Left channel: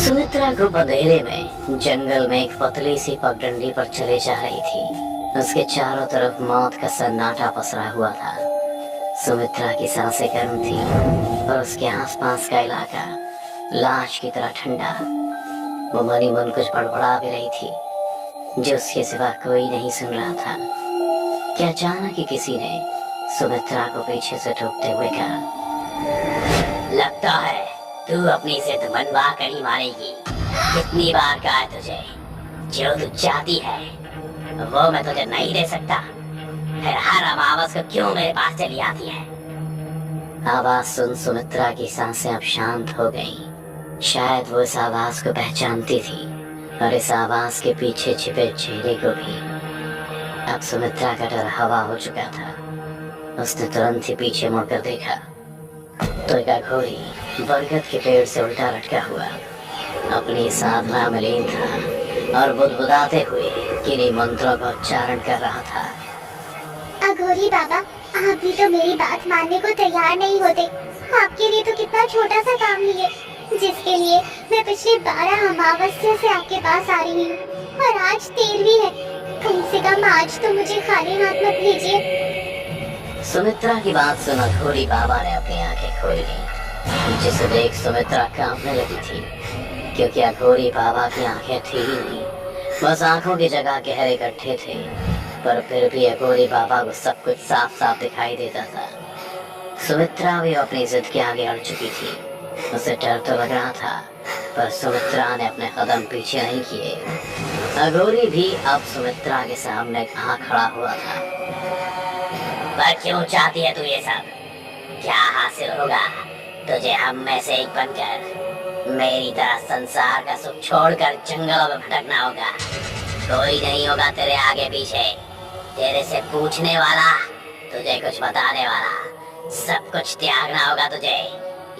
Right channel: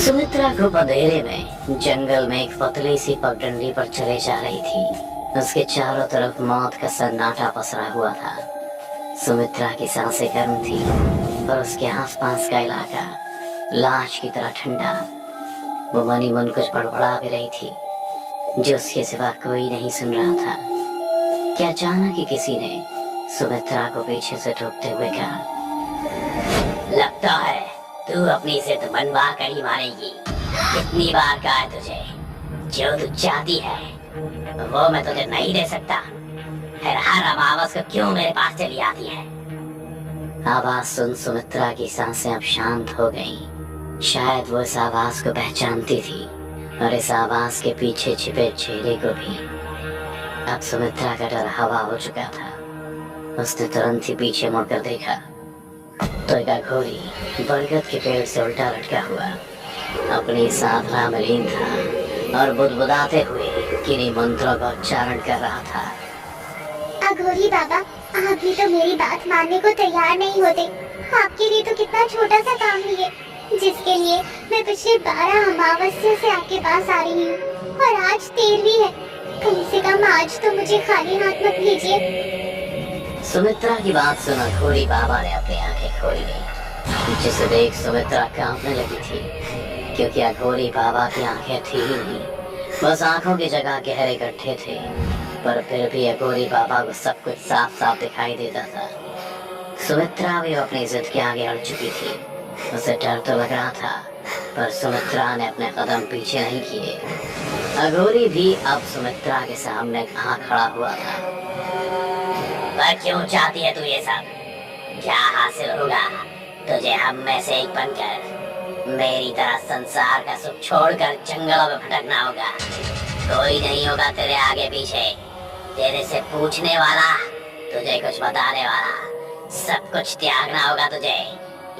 सुमित्रा को अंधेरे में जंगल में एक पतली सी पगडंडी पर चले जा रही थी। उसके चारों तरफ मौत का सन्नाटा पसरा हुआ था। सुमित्रा की सांसें गर्म थी और उसके आसपास का इलाका लाश की तरह ठंडा। वो मनी मन कुछ बड़बड़ा भी रही थी जो उसके सिवा कोई नहीं सुन रहा था कि अचानक ही किसी ने सुमित्रा को पीछे से ठोकते हुए कहा, लगता है तू अपनी जिद मनवा कर ही मानेगी। कितनी बार कहा है तुझे, जो तू चाहती है वो मैं तुझे नहीं दे सकता। फिर हर आवाज को क्यों मेरे पास चली आती है। आवाज सुन सुमित्रा की सांसें अब शांत हो गईं। शायद वो इस आवाज को पहचानती थी और इस आवाज के पीछे छिपे चेहरे को भी। अब सुमित्रा का डर हवा हो चुका था। उसने तुरंत ही पीछे मुड़कर देखा तो एक अघोरी बरगद के पेड़ से उल्टा लटका हुआ अपनी साधना में लीन था और बुदबुदाते हुए किन्हीं मंत्रों का उच्चारण कर रहा था। अघोरी बाबा, आप भी तो मेरी बात मानने को तैयार नहीं होते। आपके लिए तो कितना छोटा सा काम ही है जिसके लिए मैं पिछले 12 अमावस्या से आपके पास आ रही हूँ, और आज 13वीं है। कम से कम आज तो मुझे खाली हाथ मत भेजिए। सुमित्रा की बात सुन अघोरी बाबा ने अपनी आंखें खोल ली, जिसे देख सुमित्रा कांपने लगी थी, क्योंकि अघोरी बाबा की आंखें थी ही नहीं, बस आंखों की जगह गहरे गड्ढे थे। पर फिर भी अघोरी बाबा को सब कुछ साफ साफ दिखाई देता था। सुमित्रा भी अपनी जिद के आगे अड़ चुकी थी। उसे डर तो लग रहा था, पर सुमित्रा ने अपने कदम पीछे नहीं किए। अघोरी भी अब सुमित्रा के सामने कहाँ खड़ा हुआ था। पर क्यों चाहती है तू ये सब? क्या हासिल होगा तुझे हम में से एक बनकर? मेरी तरह संसार का सुख छोड़कर जंगलों में भटकना होगा। कोई नहीं होगा तेरे आगे पीछे, तेरे से पूछने वाला, तुझे कुछ बताने वाला। सब कुछ त्यागना होगा तुझे,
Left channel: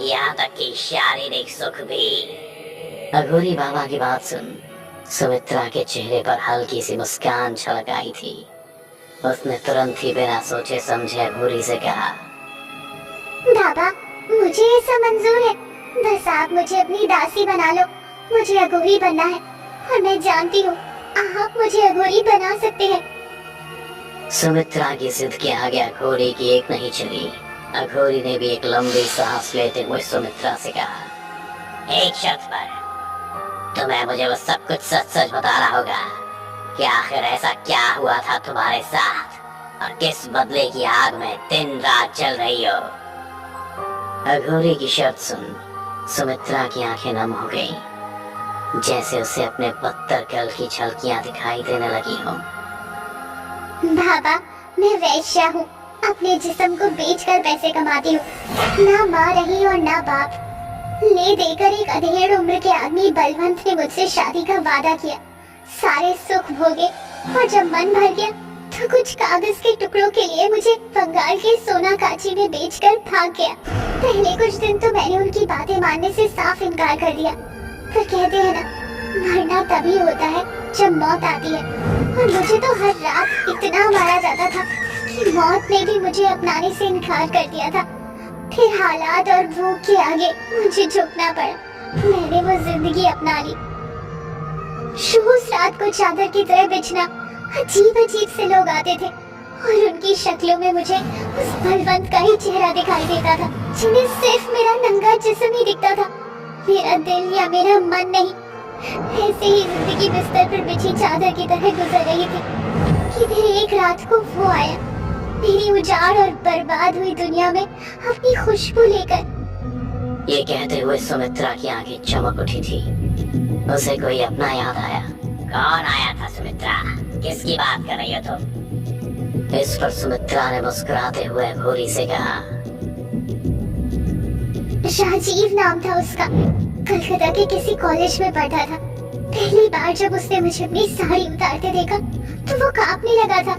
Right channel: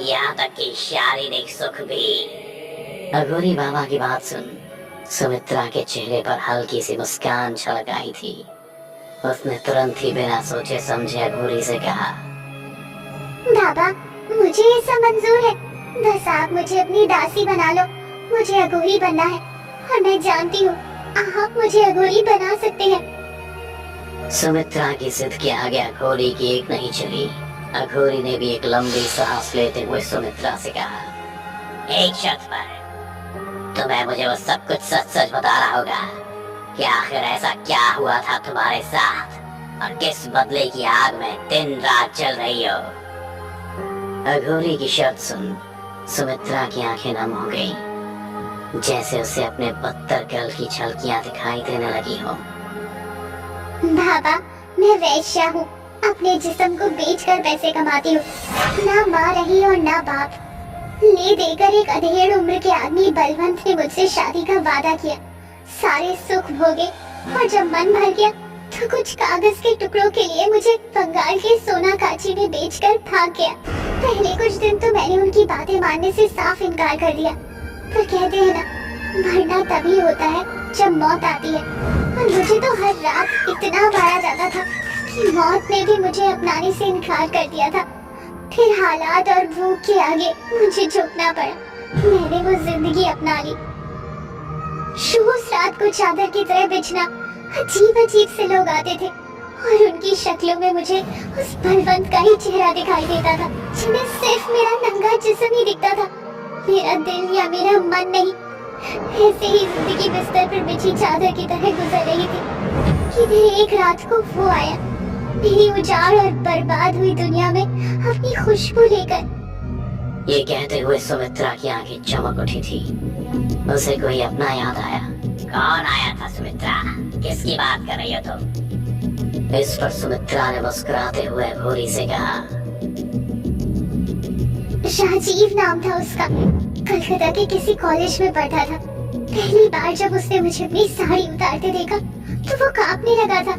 यहाँ तक कि शारीरिक सुख भी। अघोरी बाबा की बात सुन सुमित्रा के चेहरे पर हल्की सी मुस्कान छलक आई थी। उसने तुरंत ही बिना सोचे समझे अघोरी से कहा, बाबा, मुझे ये सब मंजूर है। बस आप मुझे अपनी दासी बना लो। मुझे अघोरी बनना है और मैं जानती हूँ आप मुझे अघोरी बना सकते हैं। सुमित्रा की जिद के आगे अघोरी की एक नहीं चली। अघोरी ने भी एक लंबी सांस लेते हुए सुमित्रा से कहा, एक शर्त पर तुम्हें मुझे वो सब कुछ सच सच बताना होगा कि आखिर ऐसा क्या हुआ था तुम्हारे साथ और किस बदले की आग में दिन रात जल रही हो। अघोरी की शर्त सुन सुमित्रा की आंखें नम हो गईं, जैसे उसे अपने बदतर कल की झलकियां दिखाई देने लगी हो। बाबा, मैं वैश्या हूँ। अपने जिस्म को बेचकर पैसे कमाती हूँ। ना माँ रही और ना बाप। ले देकर एक अधेड़ उम्र के आदमी बलवंत ने मुझसे शादी का वादा किया। सारे सुख भोगे और जब मन भर गया तो कुछ कागज के टुकड़ों के लिए मुझे बंगाल के सोना काची में बेचकर भाग गया। पहले कुछ दिन तो मैंने उनकी बातें मानने से साफ इनकार कर दिया, पर कहते हैं ना, मरना तभी होता है जब मौत आती है। और मुझे तो हर रात इतना मारा जाता था कि मौत ने भी मुझे अपनाने से इनकार कर दिया था। फिर हालात और भूख के आगे मुझे झुकना पड़ा। मैंने वो जिंदगी अपना ली। रोज रात को चादर की तरह बिछना अजीब अजीब से लोग आते थे और उनकी शक्लों में मुझे उस बलवंत का ही चेहरा दिखाई देता था, जिन्हें सिर्फ मेरा नंगा जिस्म ही दिखता था, मेरा दिल या मेरा मन नहीं। ऐसे ही जिंदगी बिस्तर पर बिछी चादर की तरह गुजर रही थी कि फिर एक रात को वो आया, मेरी उजाड़ और बर्बाद हुई दुनिया में अपनी खुशबू लेकर। ये कहते हुए सुमित्रा की आंखें चमक उठी थी। उसे कोई अपना याद आया। कौन आया था सुमित्रा? किसकी बात कर रही हो तुम? इस पर सुमित्रा ने मुस्कुराते हुए अघोरी से कहा, राजीव नाम था उसका। कलकत्ता के किसी कॉलेज में पढ़ता था। पहली बार जब उसने मुझे अपनी साड़ी उतारते देखा तो वो कांपने लगा था।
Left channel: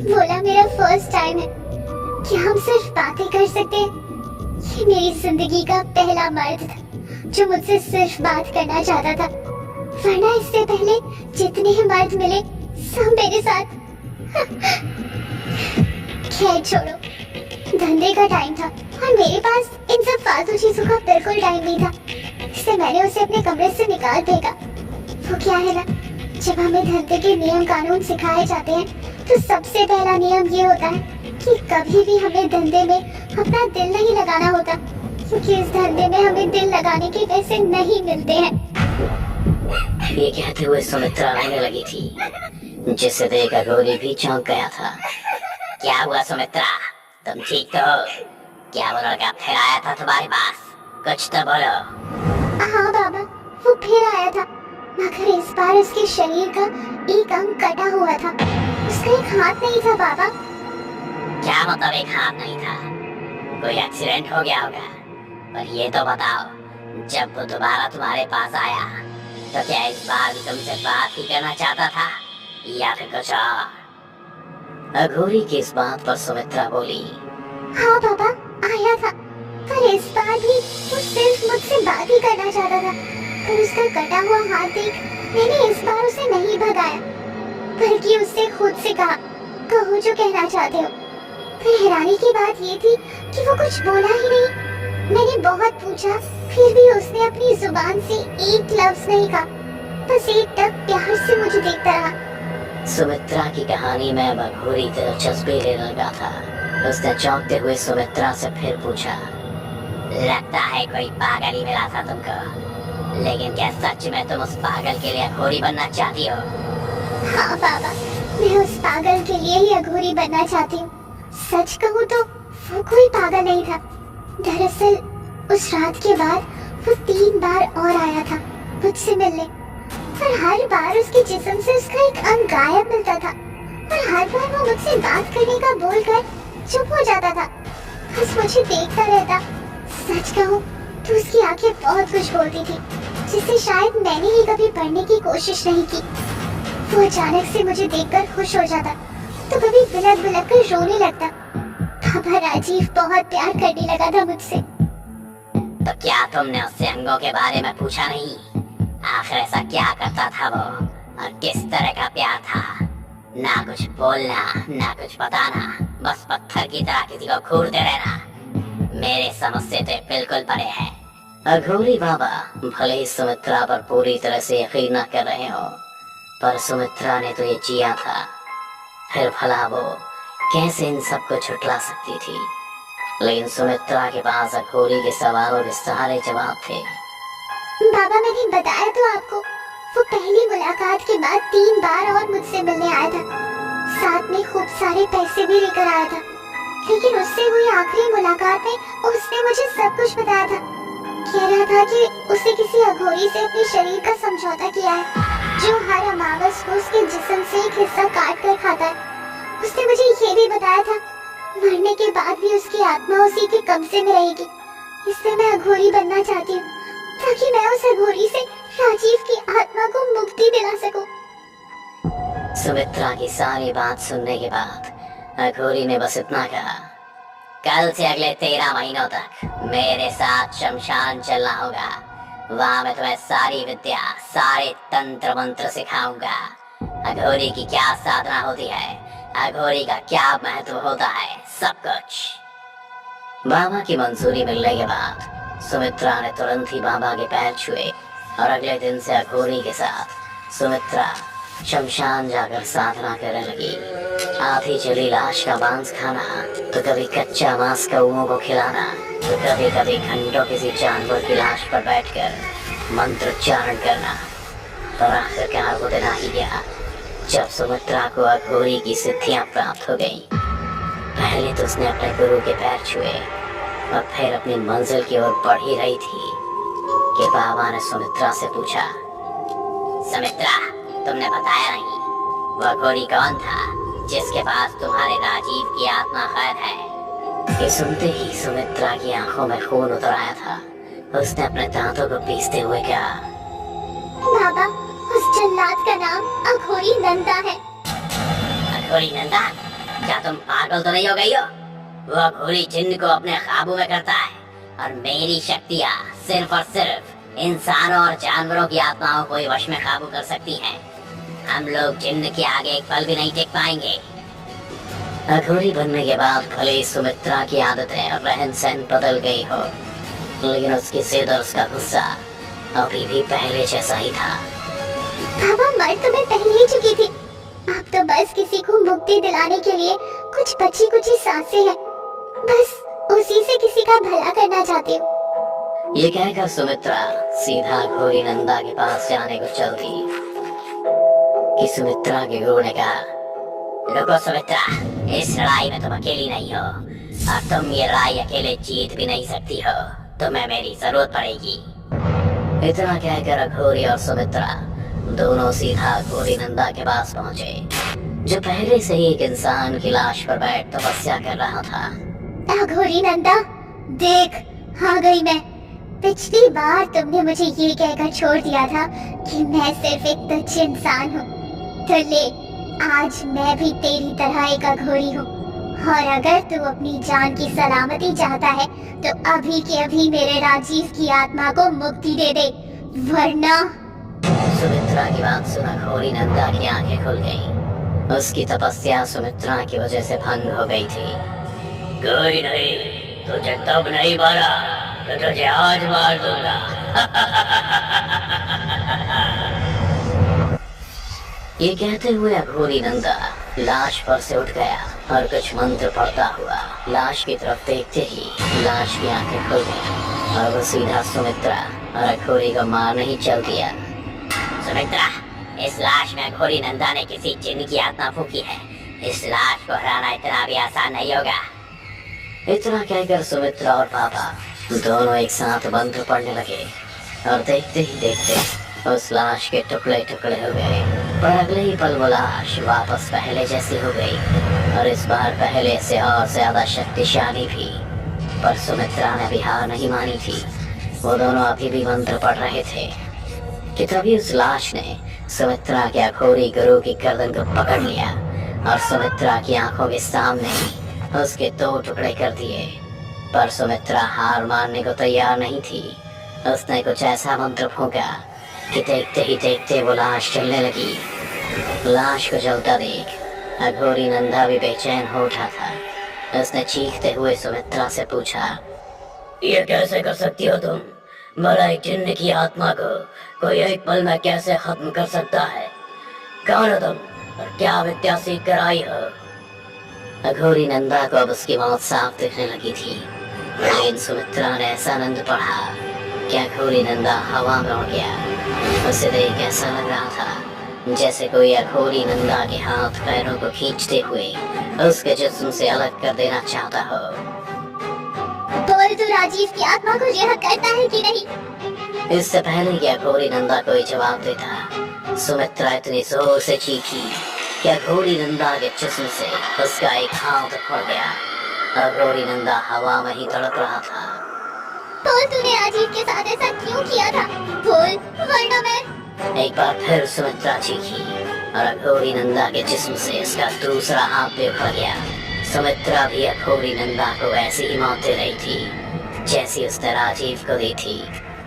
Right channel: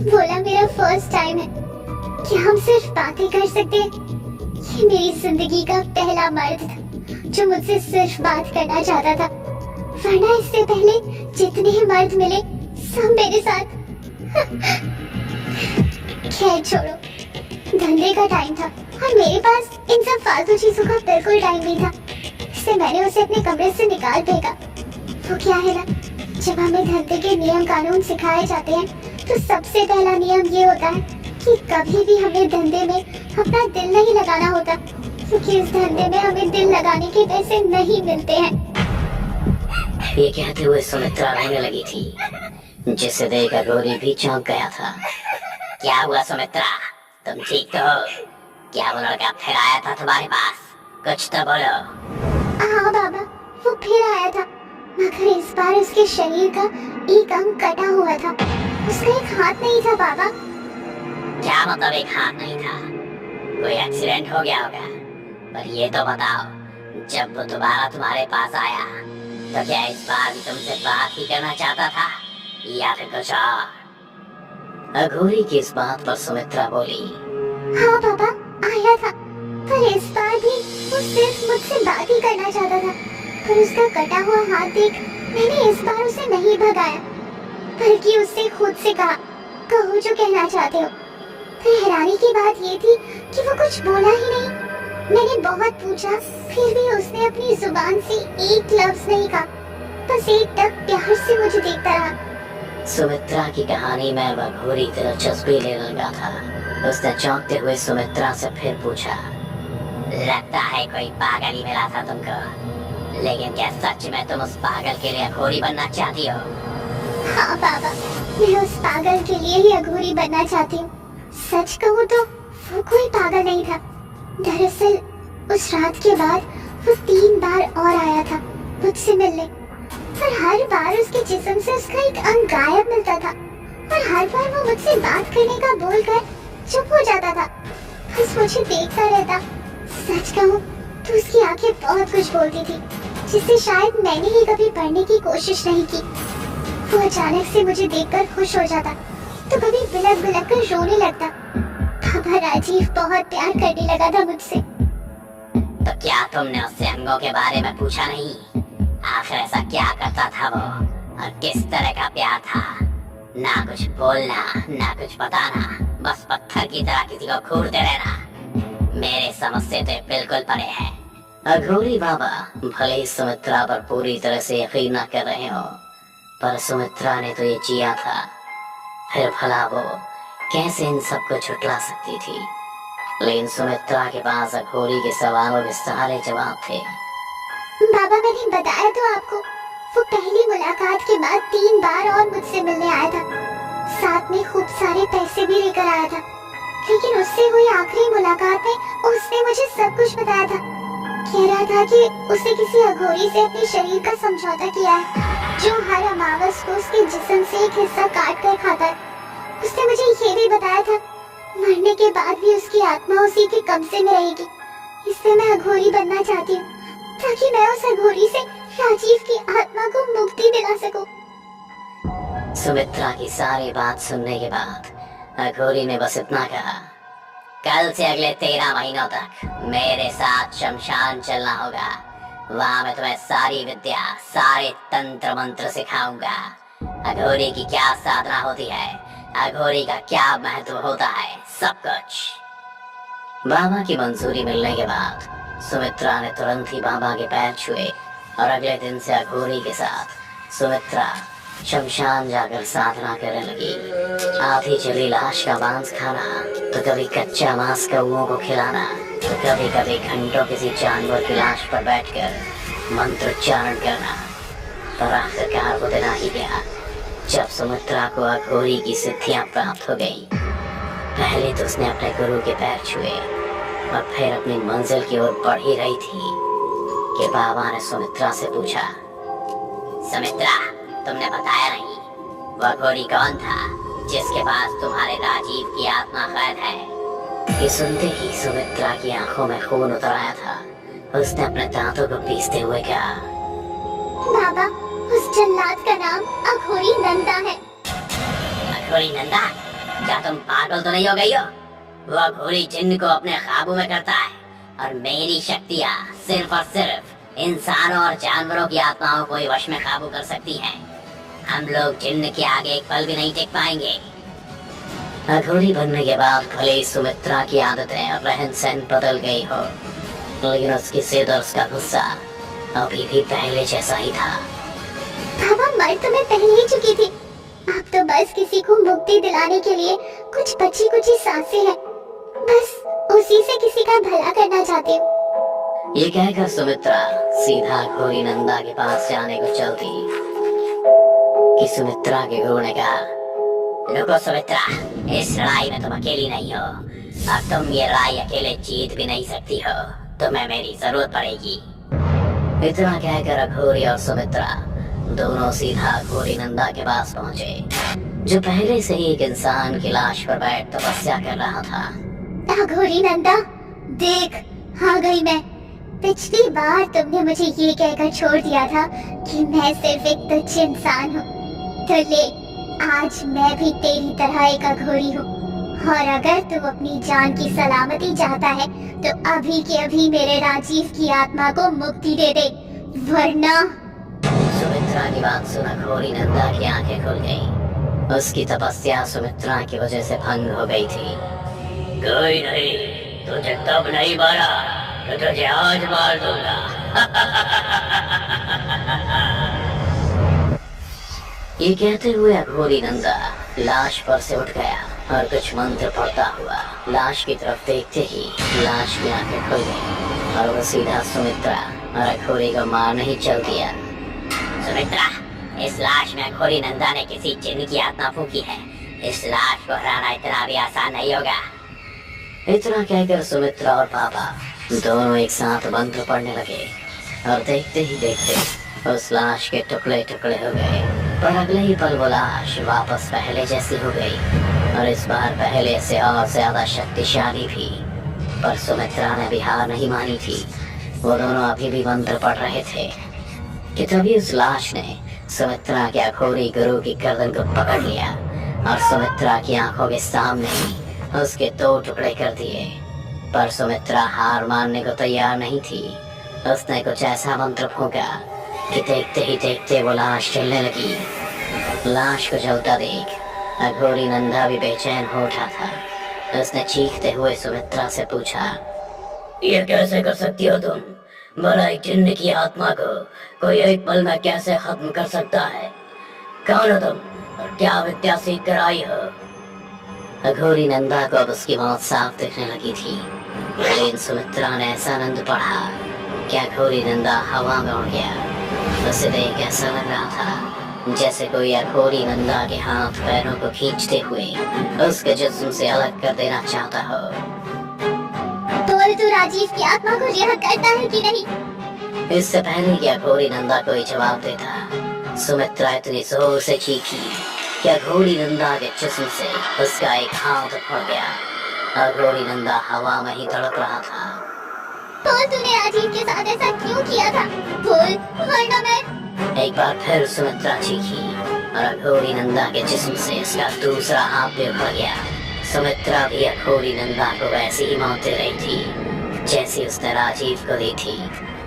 बोला, मेरा फर्स्ट टाइम है, क्या हम सिर्फ बातें कर सकते हैं? ये मेरी जिंदगी का पहला मर्द था जो मुझसे सिर्फ बात करना चाहता था, वरना इससे पहले जितने मर्द मिले सब मेरे साथ। खैर धंधे का टाइम था और मेरे पास इन सब फालतू चीजों का बिल्कुल टाइम नहीं था। से मैंने उसे अपने कमरे से निकाल फेंका। वो क्या है ना, जब हमें धंधे के नियम कानून सिखाए जाते हैं तो सबसे पहला नियम ये होता है कि कभी भी हमें धंधे में अपना दिल नहीं लगाना होता, क्योंकि इस धंधे में हमें दिल लगाने के पैसे नहीं मिलते हैं। ये कहते हुए सुमित्रा रहने लगी थी, जिसे देख अघोरी भी चौंक गया था। क्या हुआ सुमित्रा, तुम ठीक तो हो? क्या वो लड़का फिर आया था तुम्हारे पास? कुछ तो बोलो। हाँ बाबा, वो फिर आया था, मगर इस बार उसके शरीर का एक अंग कटा हुआ था। उसका एक हाथ नहीं था बाबा। क्या मतलब एक हाथ नहीं था? कोई एक्सीडेंट हो गया होगा। पर ये तो बताओ, जब वो दोबारा तुम्हारे पास आया तो क्या इस बार भी तुमसे बात ही करना चाहता था या फिर कुछ और? अघोरी की इस बात पर सुमित्रा बोली, हाँ बाबा, आया था, पर इस बार भी वो सिर्फ मुझसे बात ही करना चाहता था। पर उसका कटा हुआ हाथ देख मैंने इस बार उसे नहीं भगाया, बल्कि उससे खुद से कहा, कहो जो कहना चाहते हो। फिर हैरानी की बात ये थी कि वो कुछ बोला ही नहीं। मैंने बहुत पूछा, फिर भी उसने अपनी जुबान से एक लफ्ज नहीं कहा, बस एक टक प्यार से मुझे देखता रहा। सुमित्रा की कहानी में अघोरी दिलचस्पी लेने लगा था। उसने चौंकते हुए सुमित्रा से फिर पूछा, लगता है कोई पागल ही मिला था तुमको, लेकिन क्या सच में तुम उस पागल के लिए अघोरी बनना चाहती हो? हाँ बाबा, मैं उस पागल के लिए ही अघोरी बनना चाहती हूँ। सच कहूँ तो वो कोई पागल नहीं था। दरअसल उस रात के बाद वो 3 बार और आया था मुझसे मिलने, पर हर बार उसके जिस्म से उसका एक अंग गायब मिलता था और हर बार वो मुझसे बात करने का बोलकर चुप हो जाता था, बस मुझे देखता रहता। सच कहूँ तो उसकी आंखें बहुत कुछ बोलती थी, जिससे शायद मैंने ही कभी पढ़ने की कोशिश नहीं की। वो अचानक से मुझे देखकर खुश हो जाता, तो कभी बिलक बिलक कर रोने लगता। पापा राजीव बहुत प्यार करने लगा था मुझसे। तो क्या तुमने उससे अंगों के बारे में पूछा नहीं? आखिर ऐसा क्या करता था वो और किस तरह का प्यार था? ना कुछ बोलना, ना कुछ बताना, बस पत्थर की तरह किसी को घूरते रहना। मेरे समझ से तो बिल्कुल परे है। अघोरी बाबा भले ही सुमित्रा पर पूरी तरह से यकीन न कर रहे हो, पर सुमित्रा ने तो ये जिया था, फिर भला वो कैसे इन सबको छुटला सकती थी? लेकिन सुमित्रा के पास अघोरी के सवालों के सारे जवाब थे। बाबा, मैंने बताया तो आपको, वो पहली मुलाकात के बाद 3 बार और मुझसे मिलने आया था। साथ में खूब सारे पैसे भी लेकर आया था, लेकिन उससे हुई आखिरी मुलाकात में उसने मुझे सब कुछ बताया था। कह रहा था कि उसने किसी अघोरी से अपने शरीर का समझौता किया है, जो हर अमावस को उसके जिस्म से एक हिस्सा काट कर खाता है। उसने मुझे ये भी बताया था, मरने के बाद भी उसकी आत्मा उसी के कब्जे में रहेगी। इसलिए मैं अघोरी बनना चाहती हूँ, ताकि मैं उस अघोरी से राजीव की आत्मा को मुक्ति दिला सकूं। सुमित्रा की सारी बात सुनने के बाद अघोरी ने बस इतना कहा, कल से अगले 13 महीनों तक मेरे साथ शमशान चलना होगा। वहाँ मैं तुम्हें सारी विद्या, सारे तंत्र मंत्र सिखाऊंगा। अघोरी की क्या साधना होती है, अघोरी का क्या महत्व होता है, सब कुछ। बाबा की मंजूरी मिलने के बाद सुमित्रा ने तुरंत ही बाबा के पैर छुए और अगले दिन से अघोरी के साथ सुमित्रा शमशान जाकर साधना करने लगी। आधी जली लाश का मांस खाना, तो कभी कच्चा मांस कौओं को खिलाना, तो कभी कभी घंटों किसी जानवर की लाश पर बैठकर मंत्रोच्चारण करना। पर आखिरकार वो दिन आ ही गया जब सुमित्रा को अघोरी की सिद्धियां प्राप्त हो गईं। पहले तो उसने अपने गुरु के पैर छुए और फिर अपनी मंजिल की ओर बढ़ ही रही थी कि बाबा ने सुमित्रा से पूछा, सुमित्रा, तुमने बताया नहीं, वो अघोरी कौन था जिसके पास तुम्हारे राजीव की आत्मा कैद है? ये सुनते ही सुमित्रा की आंखों में खून उतर आया था। उसने अपने दांतों को पीसते हुए कहा, बाबा, उस जल्लाद का नाम अघोरी नंदा है। अघोरी नंदा? क्या तुम पागल तो नहीं हो गई हो? वो अघोरी जिन्न को अपने काबू में करता है और मेरी शक्तियाँ सिर्फ और सिर्फ इंसानों और जानवरों की आत्माओं को ही वश में काबू कर सकती हैं। हम लोग जिन्न के आगे एक पल भी नहीं टिक पाएंगे। अघोरी बनने के बाद भले ही सुमित्रा की आदतें और रहन सहन बदल गई हो, लेकिन उसकी जिद और उसका गुस्सा अभी भी पहले जैसा ही था। पापा, मर तो मैं पहले ही चुकी थी। आप तो बस किसी को मुक्ति दिलाने के लिए कुछ बची कुची सांसें हैं, बस उसी से किसी का भला करना चाहते हो। ये कहकर सुमित्रा सीधा घोरी नंदा के पास जाने को चल दी कि सुमित्रा के गुरु ने कहा, रुको सुमित्रा, इस लड़ाई में तुम अकेली नहीं हो, और तुम ये लड़ाई अकेले जीत भी नहीं सकती हो, तुम्हें मेरी जरूरत पड़ेगी। इतना कहकर अघोरी और सुमित्रा दोनों सीधा घोरी नंदा के पास पहुंचे, जो पहले से ही एक इंसान की लाश पर बैठ तपस्या कर रहा था। अघोरी नंदा, देख, आ गई मैं। पिछली बार तुमने मुझे ये कहकर छोड़ दिया था कि मैं सिर्फ एक तुच्छ इंसान हूँ, तो ले, आज मैं भी तेरी तरह एक अघोरी हूँ, और अगर तू अपनी जान की सलामती चाहता है तो अभी के अभी मेरे राजीव की आत्मा को मुक्ति दे दे, वरना। सुमित्रा की बात सुना घोरी नंदा की आंखें खुल गईं। उसकी तपस्या सुमित्रा की वजह से भंग हो गई थी। कोई नहीं, तुझे तब नहीं मारा तो तुझे आज मार दूंगा। ये कहते हुए अघोरी नंदा लाश पर से उठ गया और कुछ मंत्र पढ़ता हुआ लाश की तरफ देखते ही लाश की आंखें खुल गईं और वो सीधा सुमित्रा और अघोरी को मारने ही चल दिया। सुमित्रा, इस लाश में अघोरी नंदा ने किसी जिन्न की आत्मा फूंकी है, इस लाश को हराना इतना भी आसान नहीं होगा। इतना कहकर सुमित्रा और पापा दोनों एक साथ मंत्र पढ़ने लगे और देखते ही देखते उस लाश के टुकड़े टुकड़े हो गए। पर अगले ही पल वो लाश वापस पहले जैसी हो गई और इस बार पहले से और ज्यादा शक्तिशाली भी। पर सुमित्रा ने भी हार नहीं मानी थी। वो दोनों अभी भी मंत्र पढ़ रहे थे कि तभी उस लाश ने सुमित्रा के अघोरी गुरु की गर्दन को पकड़ लिया और सुमित्रा की आंखों के सामने ही उसके 2 टुकड़े कर दिए। पर सुमित्रा हार मानने को तैयार नहीं थी। उसने कुछ ऐसा मंत्र फूंका कि देखते ही देखते वो लाश चलने लगी। लाश को जलता देख अघोरी नंदा भी बेचैन हो उठा था। उसने चीखते हुए सुमित्रा से पूछा, ये कैसे कर सकती हो तुम? भला एक जिन्न की आत्मा को कोई एक पल में कैसे खत्म कर सकता है? कौन हो तुम और क्या विद्या सीख कर आई हो? अघोरी नंदा को अब उसकी मौत साफ दिखने लगी थी, लेकिन सुमित्रा ने ऐसा आनंद पढ़ा कि अघोरी नंदा हवा में उड़ गया। उसे देख ऐसा लग रहा था जैसे कोई अघोरी नंदा के हाथ पैरों को खींचते हुए उसके जिस्म से अलग कर देना चाहता हो। बोल, तू राजीव की आत्मा को रिहा करता है कि नहीं? इससे पहले कि अघोरी नंदा कोई जवाब देता, सुमित्रा इतनी जोर से चीखी कि अघोरी नंदा के जिस्म से उसका एक हाथ उखड़ गया। अघोरी नंदा हवा में ही तड़प रहा था। बोल, तूने राजीव के साथ ऐसा क्यों किया था? बोल, वरना मैं। एक बार फिर सुमित्रा चीखी और अघोरी नंदा के जिस्म से उसका दूसरा हाथ भी उखड़ गया। सुमित्रा भी अघोरी नंदा को वैसी ही मौत दे रही थी जैसी उसने राजीव को दी थी।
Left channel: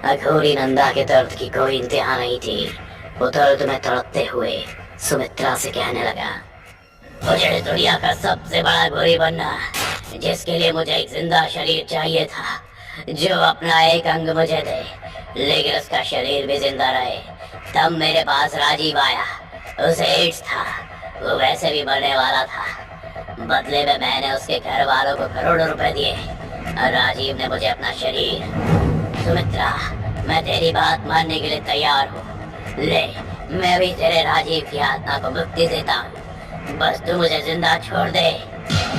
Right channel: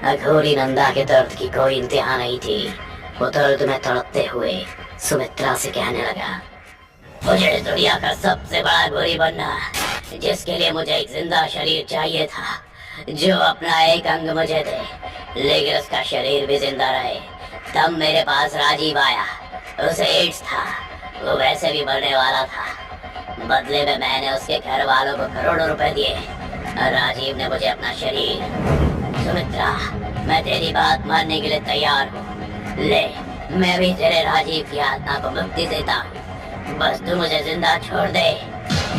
अघोरी नंदा के दर्द की कोई इंतहा नहीं थी। वो दर्द में तड़पते हुए सुमित्रा से कहने लगा, मुझे इस दुनिया का सबसे बड़ा घोरी बनना, जिसके लिए मुझे एक जिंदा शरीर चाहिए था, जो अपना एक अंग मुझे दे लेकिन उसका शरीर भी जिंदा रहे। तब मेरे पास राजीव आया। उसे एड्स था, वो वैसे भी मरने वाला था। बदले में मैंने उसके घर वालों को करोड़ों रुपए दिए और राजीव ने मुझे अपना शरीर। सुमित्रा, मैं तेरी बात मानने के लिए तैयार हूँ। ले, मैं भी तेरे राजीव की आत्मा को मुक्ति देता हूँ, बस तू मुझे जिंदा छोड़ दे।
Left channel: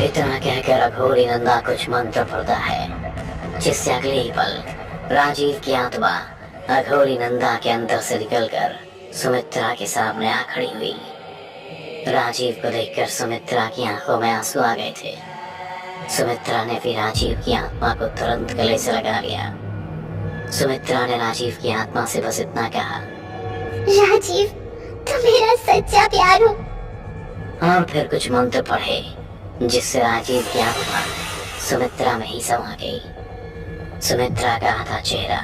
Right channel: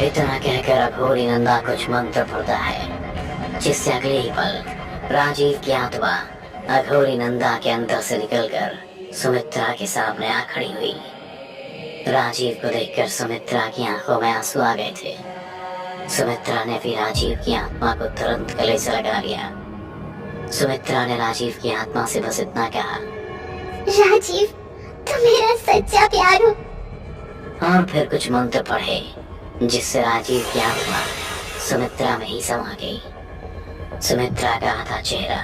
इतना कहकर अघोरी नंदा कुछ मंत्र पढ़ता है, जिससे अगले ही पल राजीव की आत्मा अघोरी नंदा के अंदर से निकलकर सुमित्रा के सामने आ खड़ी हुई। राजीव को देखकर सुमित्रा की आंखों में आंसू आ गए थे। सुमित्रा ने भी राजीव की आत्मा को तुरंत गले से लगा लिया। सुमित्रा ने राजीव की आत्मा से बस इतना कहा, राजीव, तुम मेरा सच्चा प्यार हो। और फिर कुछ मंत्र पढ़े, जिससे राजीव की आत्मा सुमित्रा में ही समा गई। सुमित्रा का आधा चेहरा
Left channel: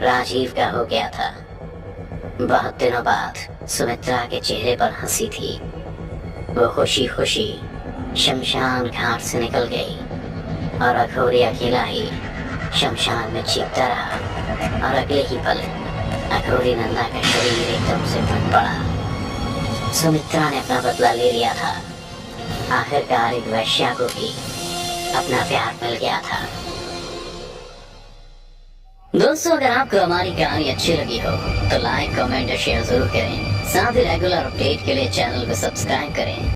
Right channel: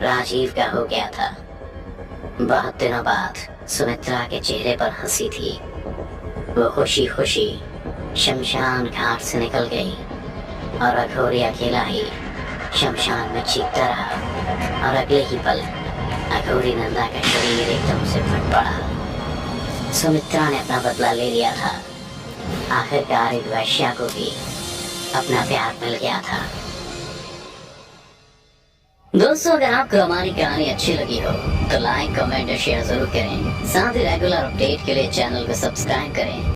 राजीव का हो गया था। बहुत दिनों बाद सुमित्रा के चेहरे पर हंसी थी। वो खुशी खुशी शमशान घाट से निकल गई और अघोरी अकेला ही शमशान में चीखता रहा। और अगले ही पल अघोरी नंदा का शरीर एकदम से फट पड़ा। सुमित्रा ने अपना बदला ले लिया था। आखिरकार एक वैश्या को भी अपना प्यार मिल गया था। दोस्तों, अगर आपको हमारी कहानी अच्छी लगी हो तो लाइक, कमेंट और शेयर जरूर करें। साथ ही रेगुलर अपडेट के लिए चैनल को सब्सक्राइब करें।